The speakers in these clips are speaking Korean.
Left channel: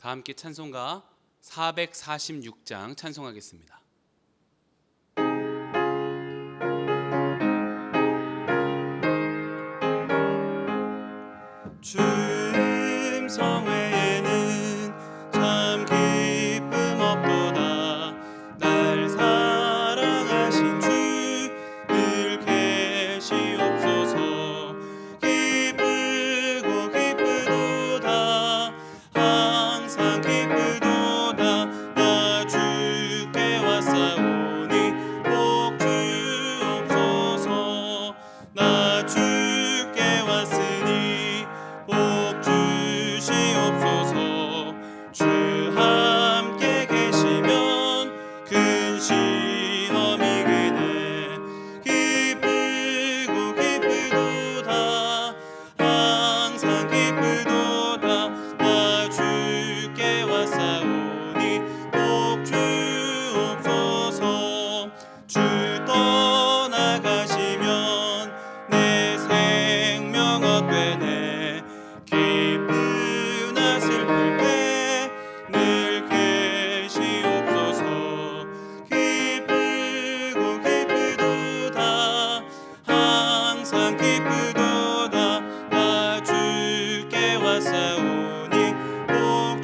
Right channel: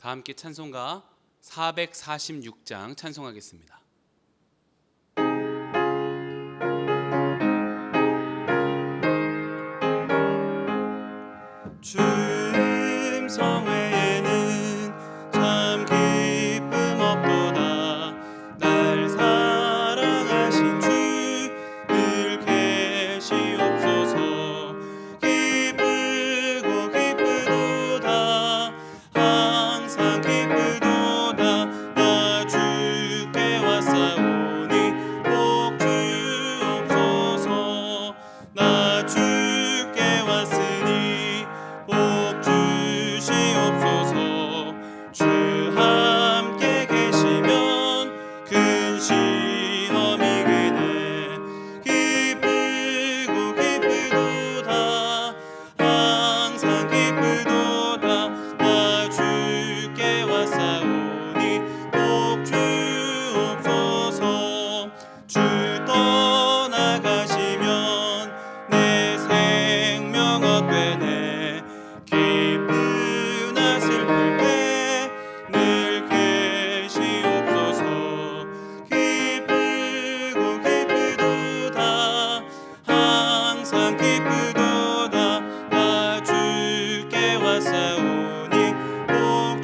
다 함께 찬송가 446장 찬송하겠습니다. 주 음성 외에는 참 기쁨 없도다. 날 사랑하신 주 늘 계시옵소서. 기쁘고 기쁘도다. 항상 기쁘도다. 나 주께 왔사오니 복 주옵소서. 나 주께 왔으니 복 주시옵소서. 주 함께 계시면 근심함이 그네. 기쁘고 기쁘도다. 항상 기쁘도다. 나 주께 왔사오니 복 주옵소서. 주 떠나가시면 내 생명 헛되네. 기쁘나 슬플 때 늘 계시옵소서. 기쁘고 기쁘도다. 항상 기쁘도다. 나 주께 왔사오니 복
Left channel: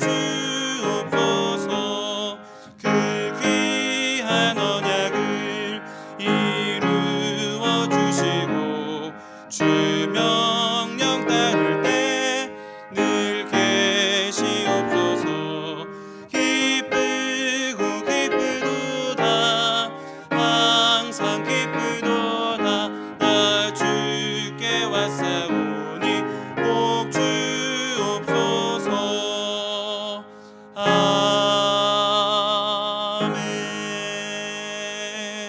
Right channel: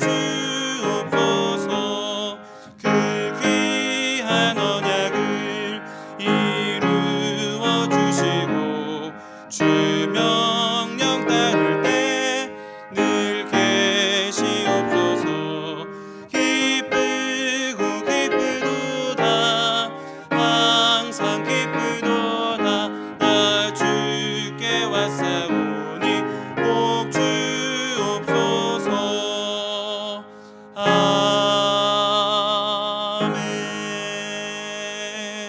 주옵소서. 그 귀한 언약을 이루어 주시고 주 명령 따를 때 늘 계시옵소서. 기쁘고 기쁘도다. 항상 기쁘도다. 나 주께 왔사오니 복 주옵소서.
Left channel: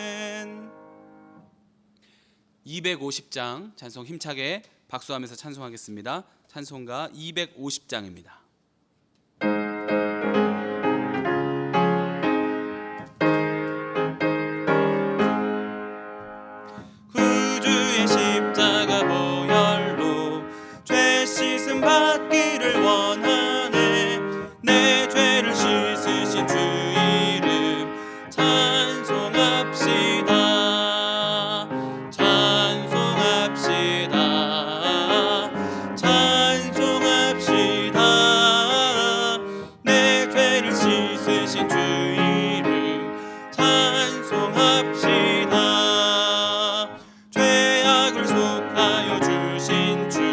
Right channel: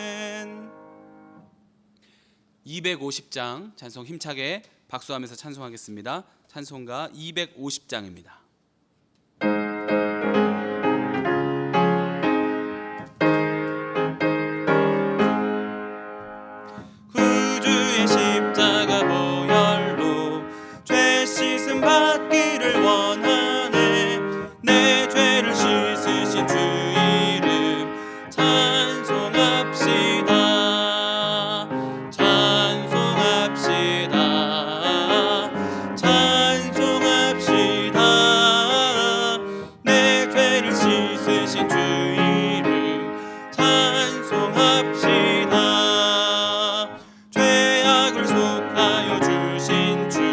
아멘. 250장 찬송 힘차게 박수하면서 찬송하겠습니다. 찬송가 250장입니다. 구주의 십자가 보혈로 죄 씻음 받기를 원하네. 내 죄를 씻으신 주 이름 찬송합시다. 찬송합시다. 찬송합시다. 내 죄를 씻으신 주 이름 찬송합시다. 죄악을 속하여 주신 주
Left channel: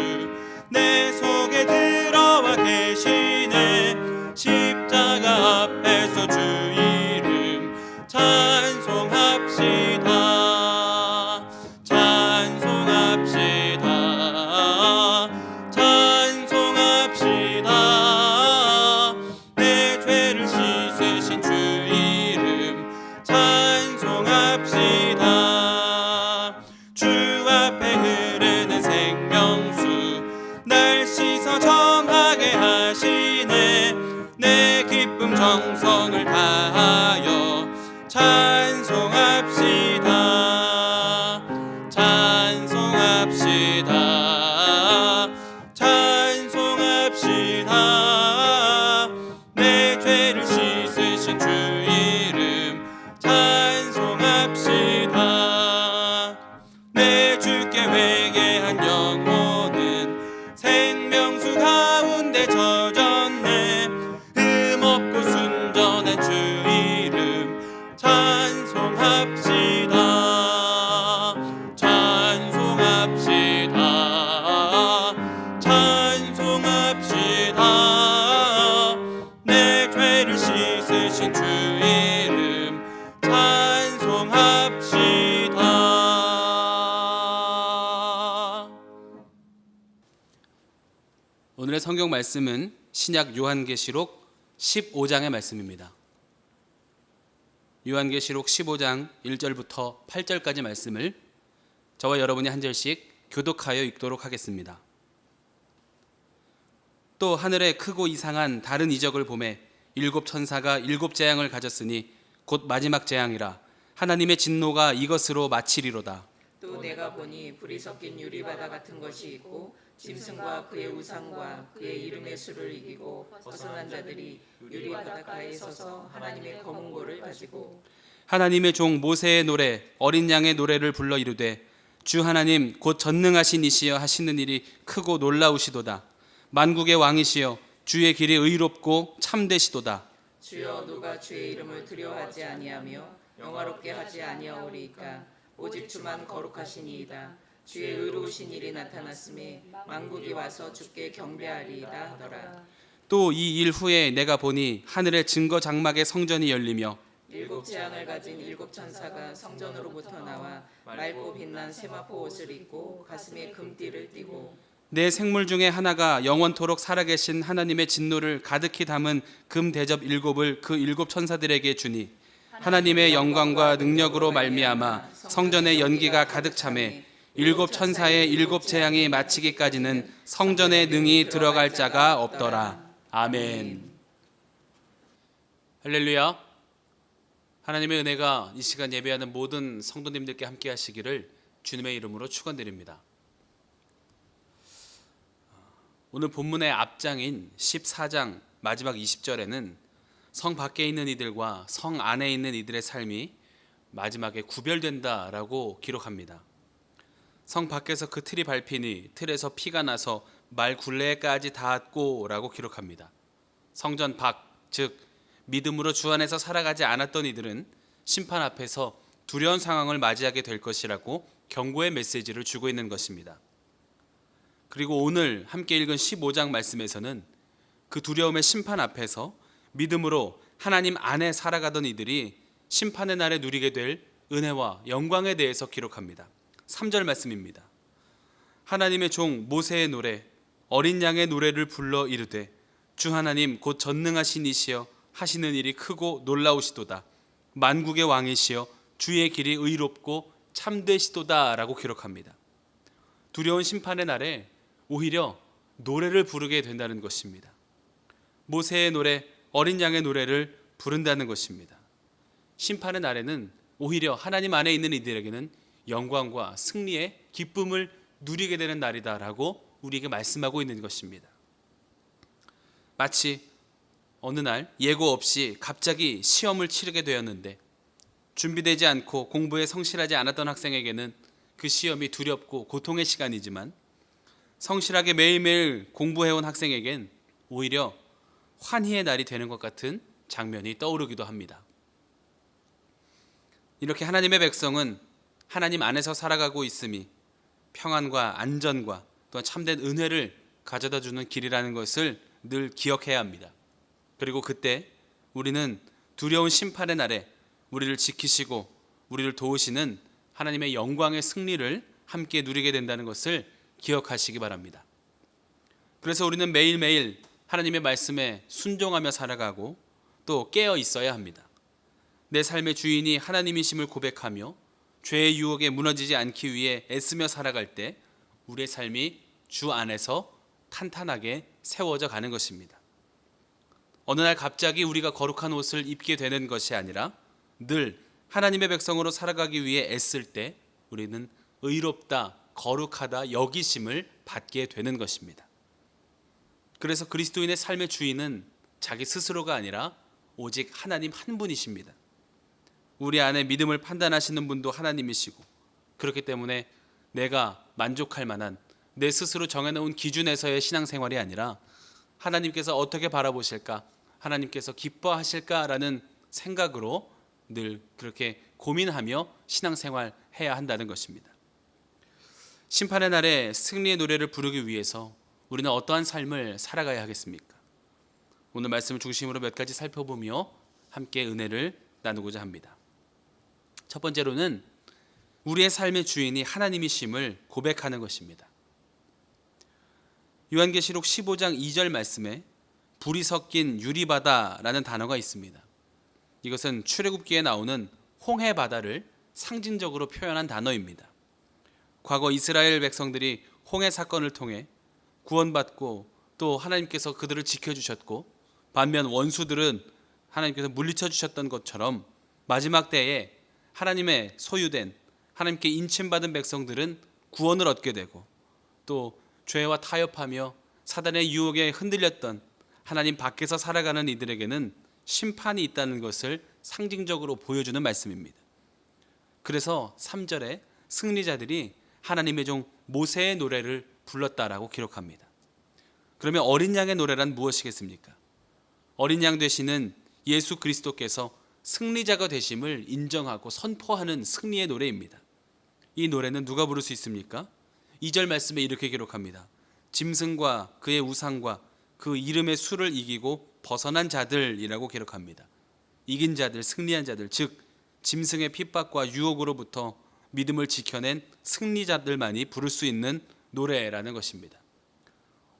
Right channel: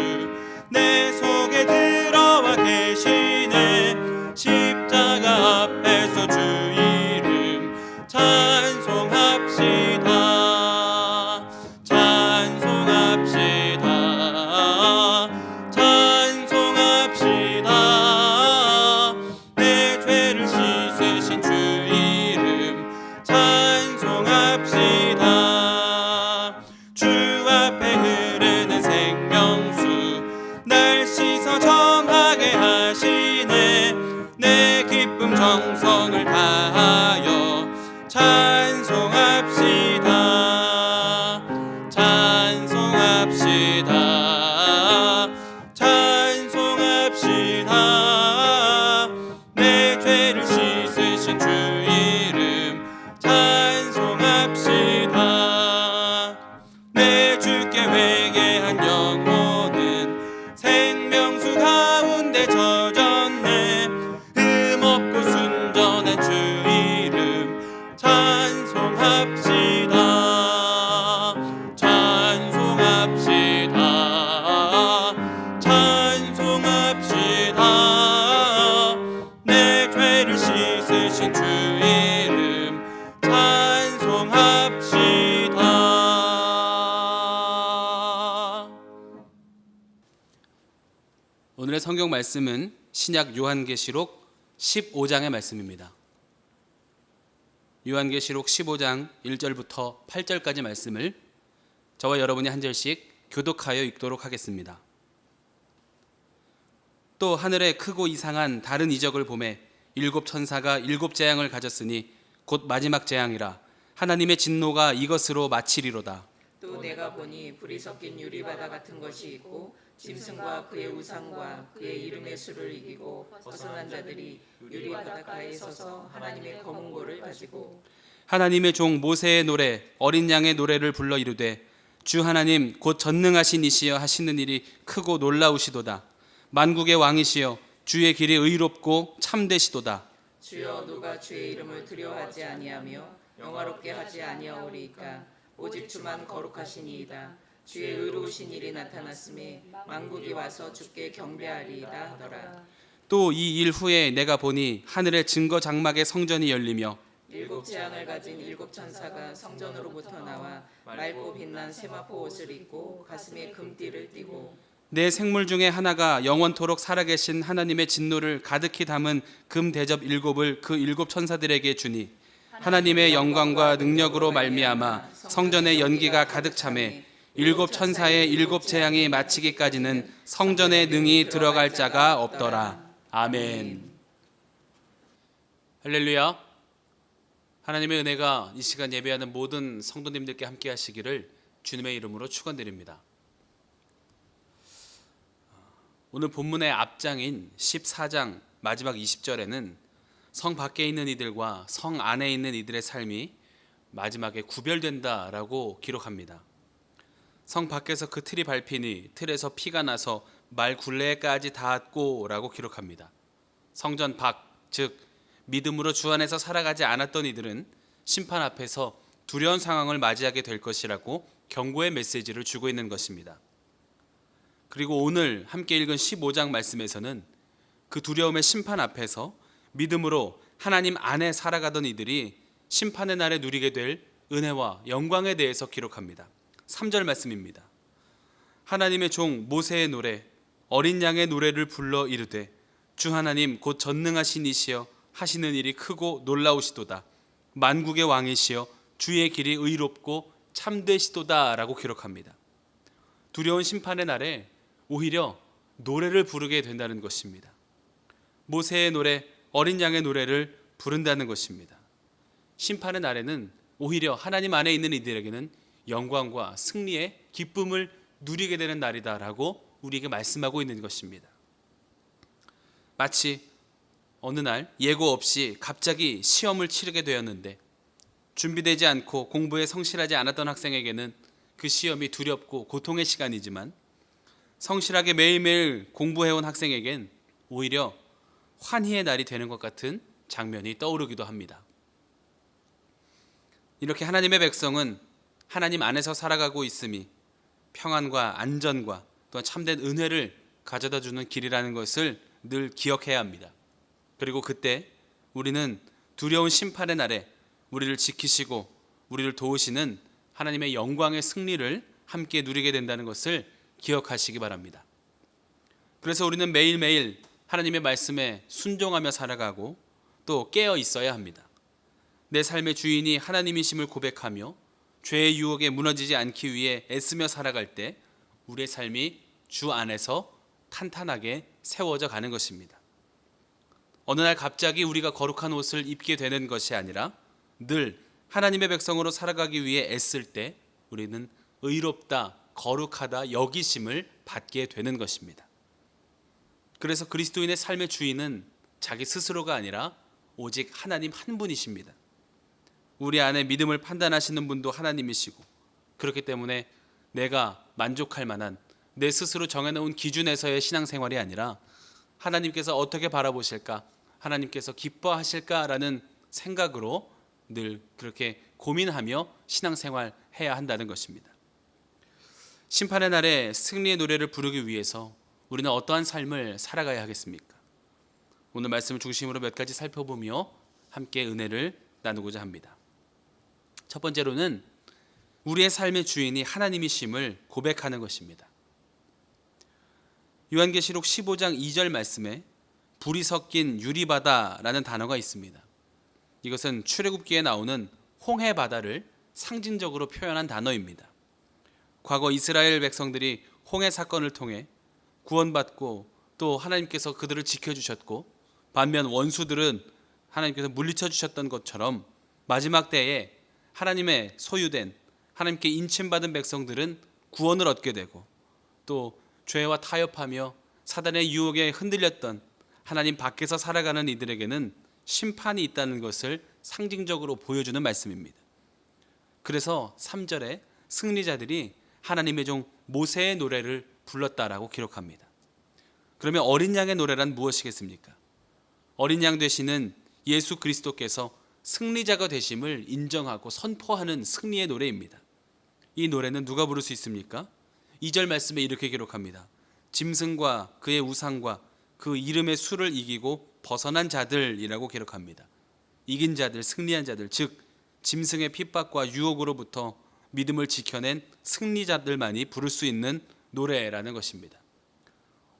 내 속에 들어와 계시네. 십자가 앞에서 주 이름 찬송합시다. 찬송합시다. 찬송합시다. 내 죄를 씻으신 주 이름 찬송합시다. 주 앞에 흐르는 생명수 날 씻어 정하게 하시네. 내 기쁨 정성을 다하여 찬송합시다. 찬송합시다. 찬송합시다. 내 죄를 씻으신 주 이름 찬송합시다. 내 주께 회개한 영혼은 생명수 가운데 젖었네. 흠없고 순전한 주 이름 찬송합시다. 찬송합시다. 찬송합시다. 내 죄를 씻으신 주 이름 찬송합시다. 오늘의 성경 말씀은 신약 요한계시록 15장의 말씀입니다. 요한계시록 15장 1절부터 8절까지 말씀을 저와 여러분이 한 절씩 교독하여 읽도록 하겠습니다. 또 하늘에 크고 이상한 다른 이적을 보매 일곱 천사가 일곱 재앙을 가졌으니 곧 마지막 재앙이라. 하나님의 진노가 이것으로 마치리로다. 또 내가 보니 불이 섞인 유리바다 같은 것이 있고 짐승과 그의 우상과 그의 이름의 수를 이기고 벗어난 자들이 유리바다가에 서서 하나님의 검은 고를 가지고 하나님의 종 모세의 노래 어린 양의 노래를 불러 이르되 주 하나님 곧 전능하신 이시여 하시는 일이 크고 놀라우시도다. 만국의 왕이시여 주의 길이 의롭고 참되시도다. 주여 누가 주의 이름을 두려워하지 아니하며 영화롭게 하지 아니하오리이까 오직 주만 거룩하시니이다. 주의 의로우신 일이 나타났음에 만국이 와서 주께 경배하리이다 하더라. 또 이 일 후에 내가 보니 하늘의 증거 장막의 성전이 열리며 일곱 재앙을 가진 일곱 천사가 성전으로부터 나와 맑고 빛난 세마포 옷을 입고 가슴에 금띠를 띠고 내 생물 중에 하나가 영원토록 살아계신 하나님의 진노를 가득히 담은 금 대접 일곱을 그 일곱 천사들에게 주니 하나님의 영광과 능력으로 말미암아 성전의 연기가 가득 차매 일곱 천사의 일곱 재앙이 마치기까지는 성전에 능히 들어갈 자가 없더라. 아멘. 할렐루야. 하나님의 은혜가 이 시간 예배하는 모든 성도님들께 함께 하시기를 주님의 이름으로 축원드립니다. 오늘 본문의 앞장인 14장 마지막 20절에는 성 밖에 있는 이들과 성 안에 있는 이들의 삶이 마지막에 구별된다라고 기록합니다. 성 밖에서 그 틀이 밟히니 틀에서 피가 나서 말 굴레까지 닿았고라고 기록합니다. 성전 밖, 즉 믿음으로 주 안에서 살아가지 않았던 이들은 심판 앞에서 두려운 상황을 맞이하게 될 것이라고 경고의 메시지를 주고 있는 것입니다. 그리고 오늘 함께 읽은 15장 말씀에서는 그 두려움의 심판 앞에서 믿음으로 하나님 안에 살아가던 이들이 심판의 날에 누리게 될 은혜와 영광에 대해서 기록합니다. 3절 말씀입니다. 하나님의 종 모세의 노래 어린 양의 노래를 불러 이르되 주 하나님 곧 전능하신 이시여 하시는 일이 크고 놀라우시도다. 만국의 왕이시여 주의 길이 의롭고 참되시도다 라고 기록합니다. 두려운 심판의 날에 오히려 노래를 부르게 된다는 것입니다. 모세의 노래 어린 양의 노래를 부른다는 것입니다. 심판의 날에는 오히려 하나님 안에 있는 이들에게는 영광과 승리의 기쁨을 누리게 되는 날이다라고 우리에게 말씀하고 있는 것입니다. 마치 어느 날 예고 없이 갑자기 시험을 치르게 되었는데 준비되지 않고 공부에 성실하지 않았던 학생에게는 그 시험이 두렵고 고통의 시간이지만 성실하게 매일매일 공부해온 학생에겐 오히려 환희의 날이 되는 것 같은 장면이 떠오르기도 합니다. 이렇게 하나님의 백성은 하나님 안에서 살아가고 있음이 평안과 안전과 또한 참된 은혜를 가져다주는 길이라는 것을 늘 기억해야 합니다. 그리고 그때 우리는 두려운 심판의 날에 우리를 지키시고 우리를 도우시는 하나님의 영광의 승리를 함께 누리게 된다는 것을 기억하시기 바랍니다. 그래서 우리는 매일매일 하나님의 말씀에 순종하며 살아가고 또 깨어 있어야 합니다. 내 삶의 주인이 하나님이심을 고백하며 죄의 유혹에 무너지지 않기 위해 애쓰며 살아갈 때 우리의 삶이 주 안에서 탄탄하게 세워져 가는 것입니다. 어느 날 갑자기 우리가 거룩한 옷을 입게 되는 것이 아니라 늘 하나님의 백성으로 살아가기 위해 애쓸 때 우리는 의롭다, 거룩하다 여기심을 받게 되는 것입니다. 그래서 그리스도인의 삶의 주인은 자기 스스로가 아니라 오직 하나님 한 분이십니다. 우리 안에 믿음을 판단하시는 분도 하나님이시고 그렇기 때문에 내가 만족할 만한 내 스스로 정해놓은 기준에서의 신앙생활이 아니라 하나님께서 어떻게 바라보실까? 하나님께서 기뻐하실까라는 생각으로 늘 그렇게 고민하며 신앙생활 해야 한다는 것입니다. 심판의 날에 승리의 노래를 부르기 위해서 우리는 어떠한 삶을 살아가야 하겠습니까? 오늘 말씀을 중심으로 몇 가지 살펴보며 함께 은혜를 나누고자 합니다. 첫 번째로는 우리의 삶의 주인이 하나님이심을 고백하는 것입니다. 요한계시록 15장 2절 말씀에 불이 섞인 유리바다라는 단어가 있습니다. 이것은 출애굽기에 나오는 홍해바다를 상징적으로 표현한 단어입니다. 과거 이스라엘 백성들이 홍해 사건을 통해 구원받고 또 하나님께서 그들을 지켜주셨고 반면 원수들은 하나님께서 물리쳐 주셨던 것처럼 마지막 때에 하나님의 소유된 하나님께 인침받은 백성들은 구원을 얻게 되고, 또 죄와 타협하며 사단의 유혹에 흔들렸던 하나님 밖에서 살아가는 이들에게는 심판이 있다는 것을 상징적으로 보여주는 말씀입니다. 그래서 3절에 승리자들이 하나님의 종 모세의 노래를 불렀다라고 기록합니다. 그러면 어린 양의 노래란 무엇이겠습니까? 어린 양 되시는 예수 그리스도께서 승리자가 되심을 인정하고 선포하는 승리의 노래입니다. 이 노래는 누가 부를 수 있습니까? 2절 말씀에 이렇게 기록합니다. 짐승과 그의 우상과 그 이름의 수를 이기고 벗어난 자들이라고 기록합니다. 이긴 자들, 승리한 자들, 즉 짐승의 핍박과 유혹으로부터 믿음을 지켜낸 승리자들만이 부를 수 있는 노래라는 것입니다.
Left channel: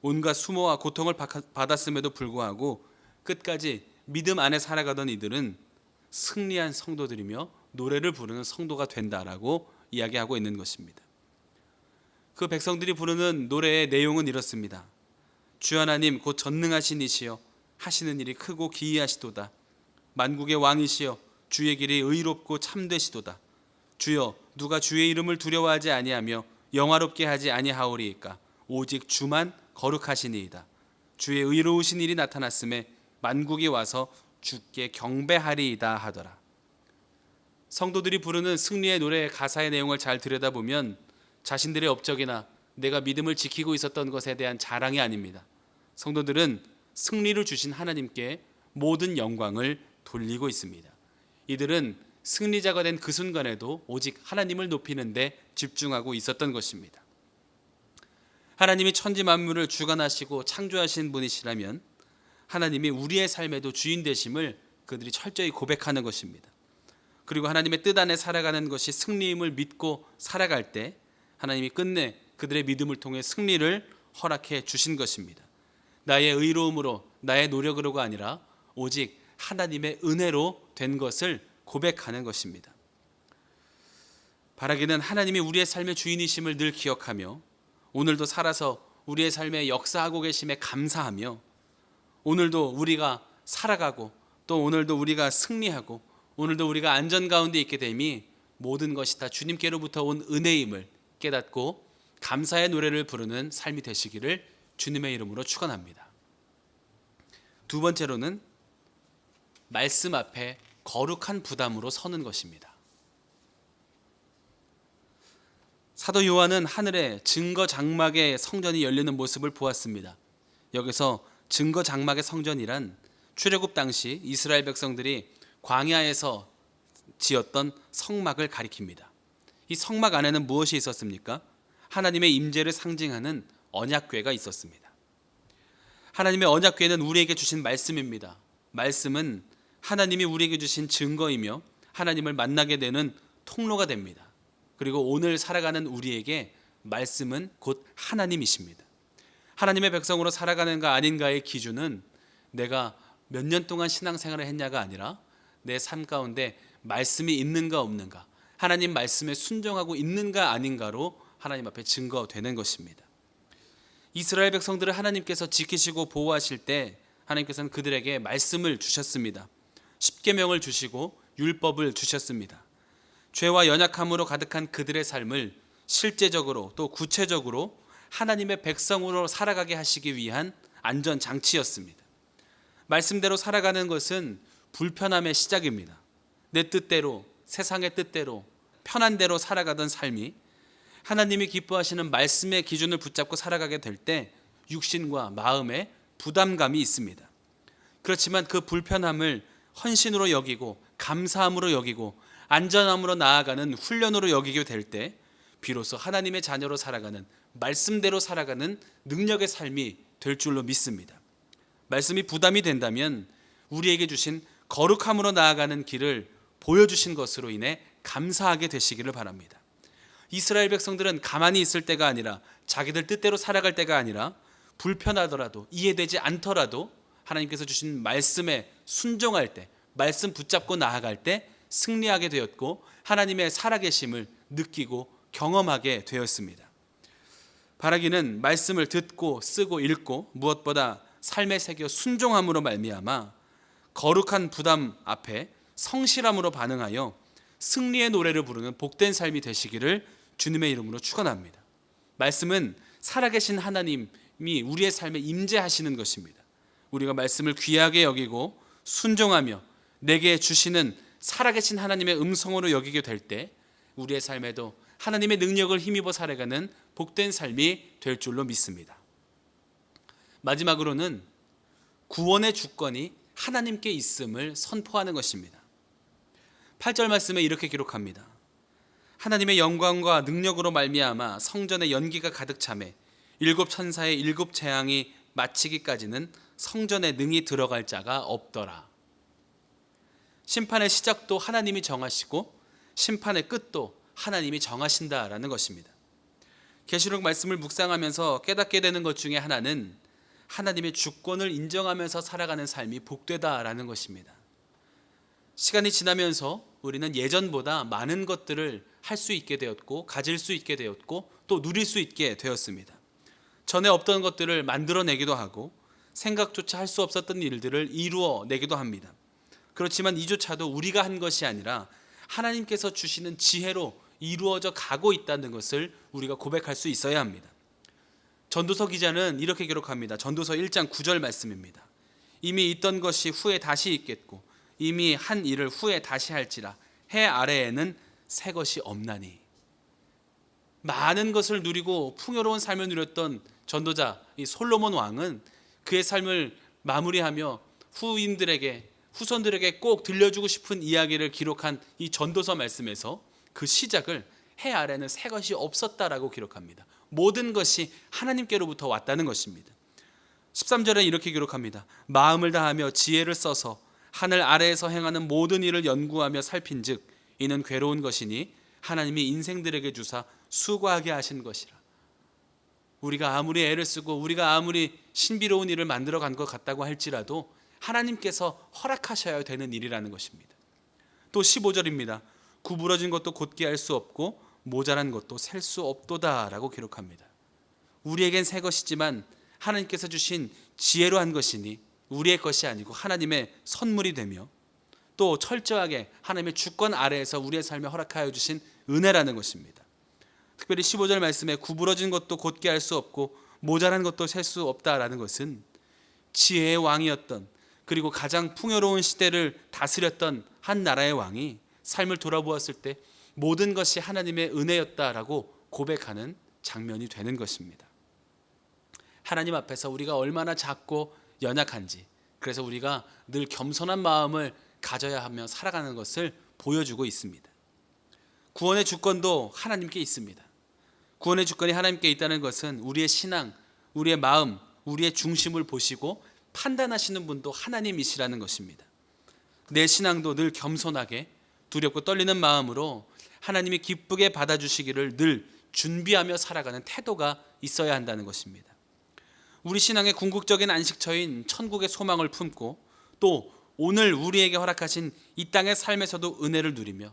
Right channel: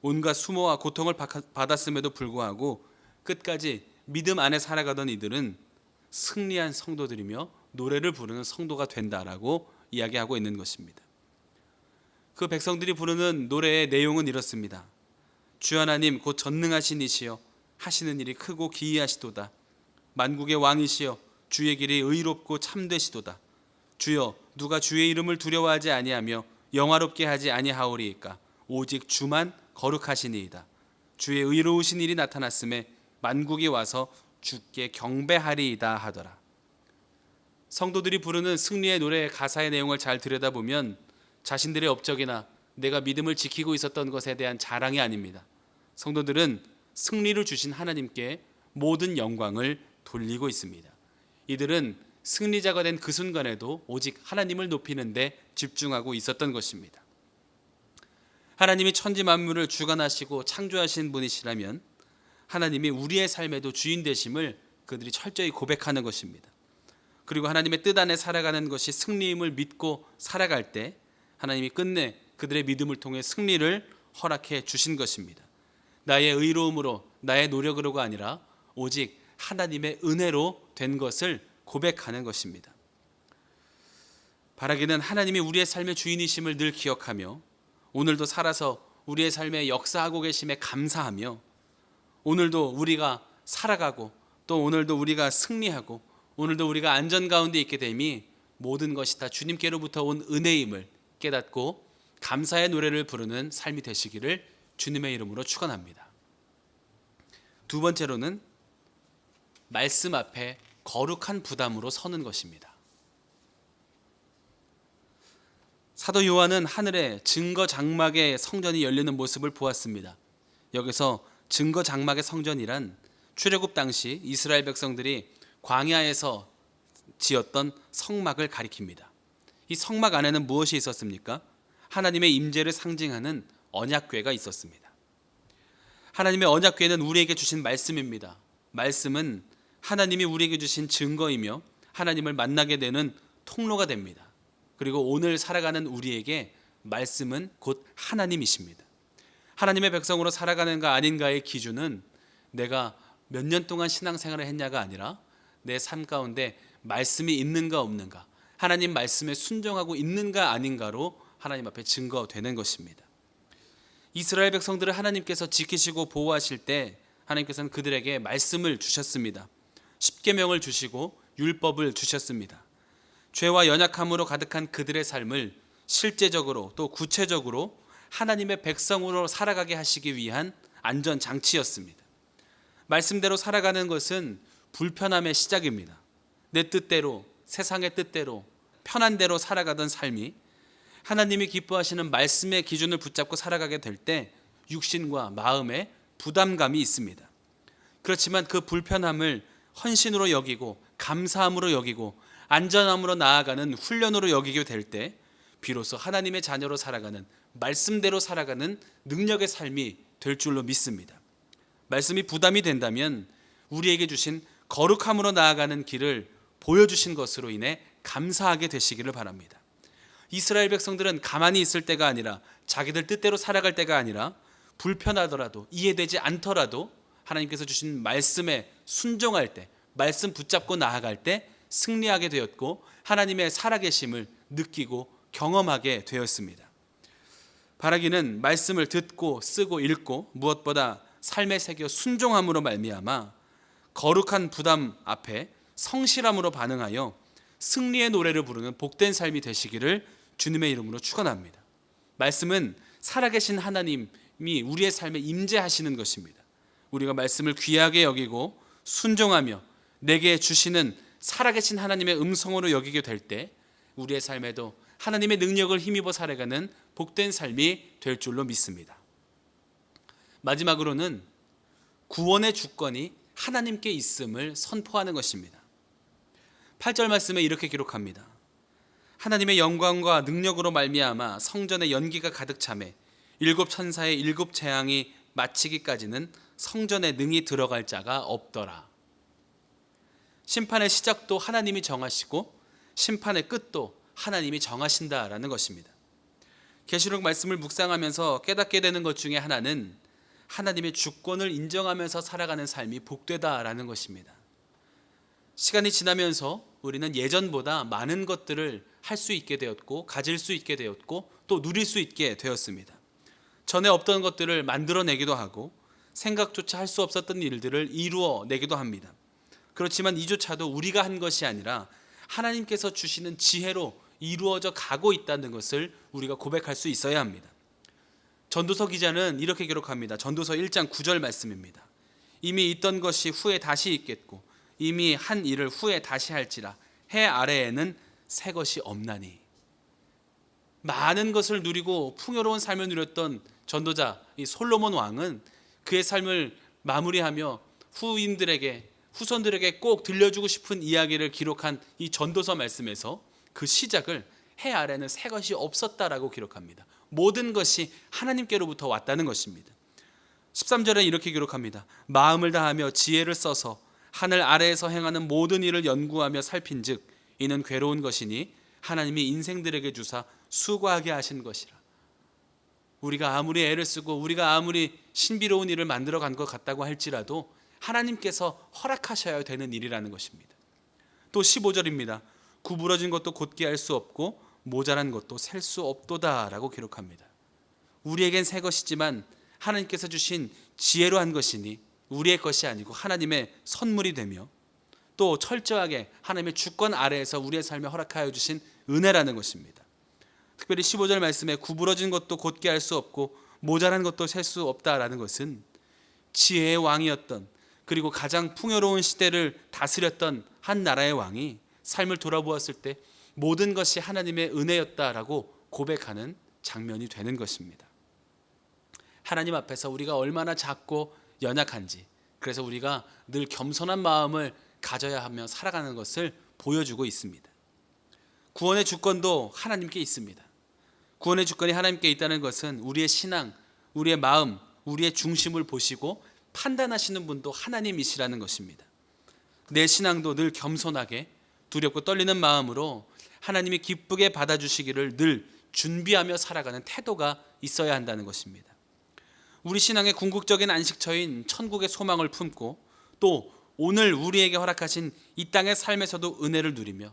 온갖 수모와 고통을 받았음에도 불구하고 끝까지 믿음 안에 살아가던 이들은 승리한 성도들이며 노래를 부르는 성도가 된다라고 이야기하고 있는 것입니다. 그 백성들이 부르는 노래의 내용은 이렇습니다. 주 하나님 곧 전능하신 이시여 하시는 일이 크고 기이하시도다. 만국의 왕이시여 주의 길이 의롭고 참되시도다. 주여 누가 주의 이름을 두려워하지 아니하며 영화롭게 하지 아니하오리이까. 오직 주만 거룩하시니이다. 주의 의로우신 일이 나타났음에 만국이 와서 주께 경배하리이다 하더라. 성도들이 부르는 승리의 노래의 가사의 내용을 잘 들여다보면 자신들의 업적이나 내가 믿음을 지키고 있었던 것에 대한 자랑이 아닙니다. 성도들은 승리를 주신 하나님께 모든 영광을 돌리고 있습니다. 이들은 승리자가 된 그 순간에도 오직 하나님을 높이는 데 집중하고 있었던 것입니다. 하나님이 천지 만물을 주관하시고 창조하신 분이시라면 하나님이 우리의 삶에도 주인 되심을 그들이 철저히 고백하는 것입니다. 그리고 하나님의 뜻 안에 살아가는 것이 승리임을 믿고 살아갈 때 하나님이 끝내 그들의 믿음을 통해 승리를 허락해 주신 것입니다. 나의 의로움으로 나의 노력으로가 아니라 오직 하나님의 은혜로 된 것을 고백하는 것입니다. 바라기는 하나님이 우리의 삶의 주인이심을 늘 기억하며 오늘도 살아서 우리의 삶에 역사하고 계심에 감사하며 오늘도 우리가 살아가고 또 오늘도 우리가 승리하고 오늘도 우리가 안전 가운데 있게 됨이 모든 것이 다 주님께로부터 온 은혜임을 깨닫고 감사의 노래를 부르는 삶이 되시기를 주님의 이름으로 축원합니다. 두 번째로는 말씀 앞에 거룩한 부담으로 서는 것입니다. 사도 요한은 하늘에 증거 장막의 성전이 열리는 모습을 보았습니다. 여기서 증거 장막의 성전이란 출애굽 당시 이스라엘 백성들이 광야에서 지었던 성막을 가리킵니다. 이 성막 안에는 무엇이 있었습니까? 하나님의 임재를 상징하는 언약궤가 있었습니다. 하나님의 언약궤는 우리에게 주신 말씀입니다. 말씀은 하나님이 우리에게 주신 증거이며 하나님을 만나게 되는 통로가 됩니다. 그리고 오늘 살아가는 우리에게 말씀은 곧 하나님이십니다. 하나님의 백성으로 살아가는가 아닌가의 기준은 내가 몇 년 동안 신앙생활을 했냐가 아니라 내 삶 가운데 말씀이 있는가 없는가, 하나님 말씀에 순종하고 있는가 아닌가로 하나님 앞에 증거되는 것입니다. 이스라엘 백성들을 하나님께서 지키시고 보호하실 때 하나님께서는 그들에게 말씀을 주셨습니다. 십계명을 주시고 율법을 주셨습니다. 죄와 연약함으로 가득한 그들의 삶을 실제적으로 또 구체적으로 하나님의 백성으로 살아가게 하시기 위한 안전장치였습니다. 말씀대로 살아가는 것은 불편함의 시작입니다. 내 뜻대로, 세상의 뜻대로, 편한 대로 살아가던 삶이 하나님이 기뻐하시는 말씀의 기준을 붙잡고 살아가게 될 때 육신과 마음에 부담감이 있습니다. 그렇지만 그 불편함을 헌신으로 여기고 감사함으로 여기고 안전함으로 나아가는 훈련으로 여기게 될 때 비로소 하나님의 자녀로 살아가는, 말씀대로 살아가는 능력의 삶이 될 줄로 믿습니다. 말씀이 부담이 된다면 우리에게 주신 거룩함으로 나아가는 길을 보여주신 것으로 인해 감사하게 되시기를 바랍니다. 이스라엘 백성들은 가만히 있을 때가 아니라 자기들 뜻대로 살아갈 때가 아니라 불편하더라도 이해되지 않더라도 하나님께서 주신 말씀에 순종할 때, 말씀 붙잡고 나아갈 때 승리하게 되었고 하나님의 살아계심을 느끼고 경험하게 되었습니다. 바라기는 말씀을 듣고 쓰고 읽고 무엇보다 삶에 새겨 순종함으로 말미암아 거룩한 부담 앞에 성실함으로 반응하여 승리의 노래를 부르는 복된 삶이 되시기를 주님의 이름으로 축원합니다. 말씀은 살아계신 하나님이 우리의 삶에 임재하시는 것입니다. 우리가 말씀을 귀하게 여기고 순종하며 내게 주시는 살아계신 하나님의 음성으로 여기게 될 때 우리의 삶에도 하나님의 능력을 힘입어 살아가는 복된 삶이 될 줄로 믿습니다. 마지막으로는 구원의 주권이 하나님께 있음을 선포하는 것입니다. 8절 말씀에 이렇게 기록합니다. 하나님의 영광과 능력으로 말미암아 성전에 연기가 가득 차매 일곱 천사의 일곱 재앙이 마치기까지는 성전에 능히 들어갈 자가 없더라. 심판의 시작도 하나님이 정하시고 심판의 끝도 하나님이 정하신다라는 것입니다. 계시록 말씀을 묵상하면서 깨닫게 되는 것 중에 하나는 하나님의 주권을 인정하면서 살아가는 삶이 복되다라는 것입니다. 시간이 지나면서 우리는 예전보다 많은 것들을 할 수 있게 되었고 가질 수 있게 되었고 또 누릴 수 있게 되었습니다. 전에 없던 것들을 만들어내기도 하고 생각조차 할 수 없었던 일들을 이루어내기도 합니다. 그렇지만 이조차도 우리가 한 것이 아니라 하나님께서 주시는 지혜로 이루어져 가고 있다는 것을 우리가 고백할 수 있어야 합니다. 전도서 기자는 이렇게 기록합니다. 전도서 1장 9절 말씀입니다. 이미 있던 것이 후에 다시 있겠고 이미 한 일을 후에 다시 할지라 해 아래에는 새 것이 없나니. 많은 것을 누리고 풍요로운 삶을 누렸던 전도자 이 솔로몬 왕은 그의 삶을 마무리하며 후손들에게 꼭 들려주고 싶은 이야기를 기록한 이 전도서 말씀에서 그 시작을 해 아래는 새 것이 없었다라고 기록합니다. 모든 것이 하나님께로부터 왔다는 것입니다. 13절에 이렇게 기록합니다. 마음을 다하며 지혜를 써서 하늘 아래에서 행하는 모든 일을 연구하며 살핀즉 이는 괴로운 것이니 하나님이 인생들에게 주사 수고하게 하신 것이라. 우리가 아무리 애를 쓰고 우리가 아무리 신비로운 일을 만들어 간 것 같다고 할지라도 하나님께서 허락하셔야 되는 일이라는 것입니다. 또 15절입니다. 구부러진 것도 곧게 할 수 없고 모자란 것도 셀 수 없도다 라고 기록합니다. 우리에겐 새 것이지만 하나님께서 주신 지혜로 한 것이니 우리의 것이 아니고 하나님의 선물이 되며 또 철저하게 하나님의 주권 아래에서 우리의 삶에 허락하여 주신 은혜라는 것입니다. 특별히 15절 말씀에 구부러진 것도 곧게 할 수 없고 모자란 것도 셀 수 없다라는 것은 지혜의 왕이었던 그리고 가장 풍요로운 시대를 다스렸던 한 나라의 왕이 삶을 돌아보았을 때 모든 것이 하나님의 은혜였다라고 고백하는 장면이 되는 것입니다. 하나님 앞에서 우리가 얼마나 작고 연약한지, 그래서 우리가 늘 겸손한 마음을 가져야 하며 살아가는 것을 보여주고 있습니다. 구원의 주권도 하나님께 있습니다. 구원의 주권이 하나님께 있다는 것은 우리의 신앙, 우리의 마음, 우리의 중심을 보시고 판단하시는 분도 하나님이시라는 것입니다. 내 신앙도 늘 겸손하게 두렵고 떨리는 마음으로 하나님이 기쁘게 받아주시기를 늘 준비하며 살아가는 태도가 있어야 한다는 것입니다. 우리 신앙의 궁극적인 안식처인 천국의 소망을 품고 또 오늘 우리에게 허락하신 이 땅의 삶에서도 은혜를 누리며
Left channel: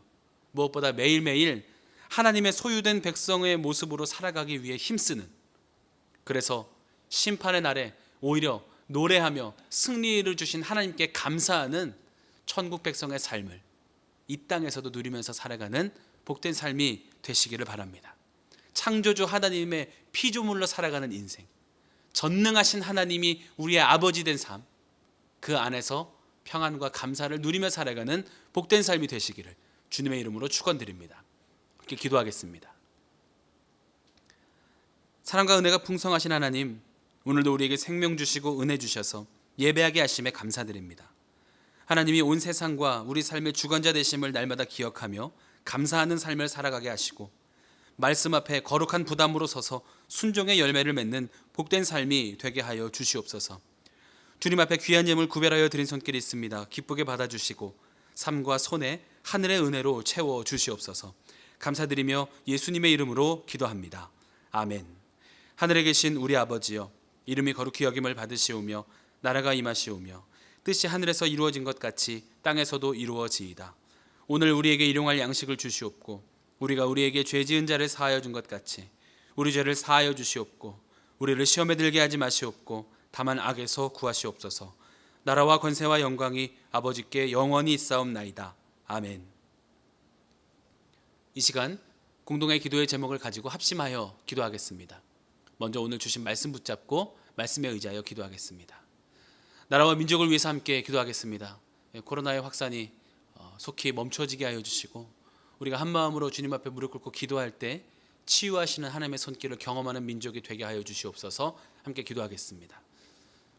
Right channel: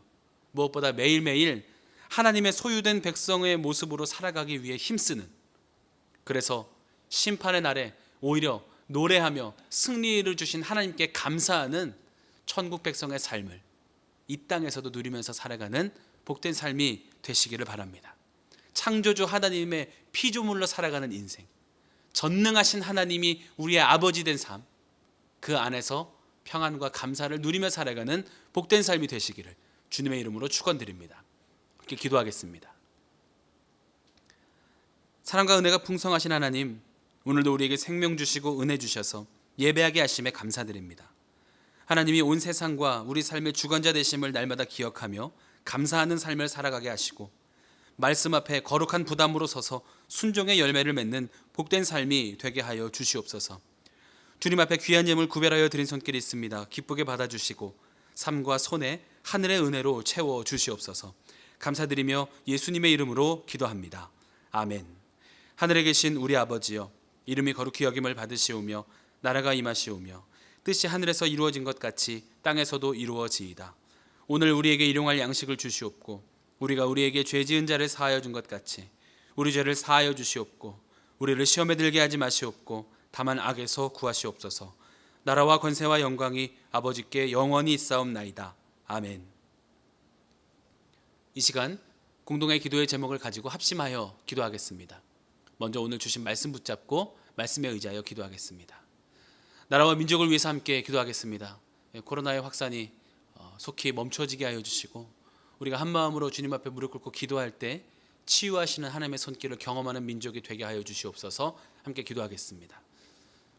무엇보다 매일매일 하나님의 소유된 백성의 모습으로 살아가기 위해 힘쓰는, 그래서 심판의 날에 오히려 노래하며 승리를 주신 하나님께 감사하는 천국 백성의 삶을 이 땅에서도 누리면서 살아가는 복된 삶이 되시기를 바랍니다. 창조주 하나님의 피조물로 살아가는 인생, 전능하신 하나님이 우리의 아버지 된 삶, 그 안에서 평안과 감사를 누리며 살아가는 복된 삶이 되시기를 주님의 이름으로 축원드립니다. 이렇게 기도하겠습니다. 사랑과 은혜가 풍성하신 하나님, 오늘도 우리에게 생명 주시고 은혜 주셔서 예배하게 하심에 감사드립니다. 하나님이 온 세상과 우리 삶의 주관자 되심을 날마다 기억하며 감사하는 삶을 살아가게 하시고 말씀 앞에 거룩한 부담으로 서서 순종의 열매를 맺는 복된 삶이 되게 하여 주시옵소서. 주님 앞에 귀한 예물 구별하여 드린 손길이 있습니다. 기쁘게 받아주시고 삶과 손에 하늘의 은혜로 채워 주시옵소서. 감사드리며 예수님의 이름으로 기도합니다. 아멘. 하늘에 계신 우리 아버지여, 이름이 거룩히 여김을 받으시오며 나라가 임하시오며 뜻이 하늘에서 이루어진 것 같이 땅에서도 이루어지이다. 오늘 우리에게 일용할 양식을 주시옵고 우리가 우리에게 죄 지은 자를 사하여 준 것 같이 우리 죄를 사하여 주시옵고 우리를 시험에 들게 하지 마시옵고 다만 악에서 구하시옵소서. 나라와 권세와 영광이 아버지께 영원히 있사옵나이다. 아멘. 이 시간 공동의 기도의 제목을 가지고 합심하여 기도하겠습니다. 먼저 오늘 주신 말씀 붙잡고 말씀에 의지하여 기도하겠습니다. 나라와 민족을 위해서 함께 기도하겠습니다. 코로나의 확산이 속히 멈춰지게 하여 주시고 우리가 한 마음으로 주님 앞에 무릎 꿇고 기도할 때 치유하시는 하나님의 손길을 경험하는 민족이 되게 하여 주시옵소서. 함께 기도하겠습니다.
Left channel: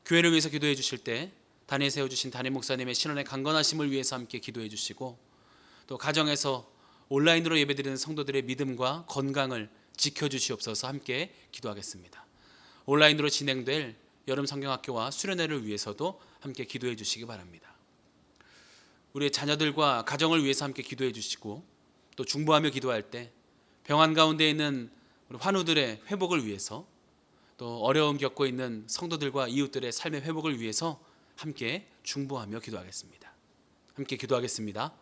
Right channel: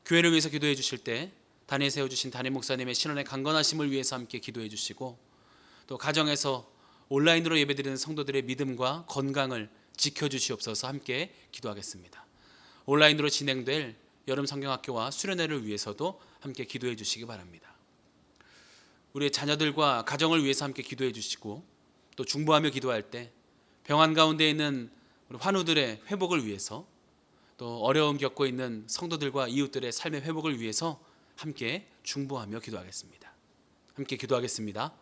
교회를 위해서 기도해 주실 때 단에 세워주신 담임 목사님의 신원의 강건하심을 위해서 함께 기도해 주시고 또 가정에서 온라인으로 예배드리는 성도들의 믿음과 건강을 지켜주시옵소서. 함께 기도하겠습니다. 온라인으로 진행될 여름 성경학교와 수련회를 위해서도 함께 기도해 주시기 바랍니다. 우리의 자녀들과 가정을 위해서 함께 기도해 주시고 또 중보하며 기도할 때 병환 가운데 있는 우리 환우들의 회복을 위해서 또 어려움 겪고 있는 성도들과 이웃들의 삶의 회복을 위해서 함께 중보하며 기도하겠습니다. 함께 기도하겠습니다.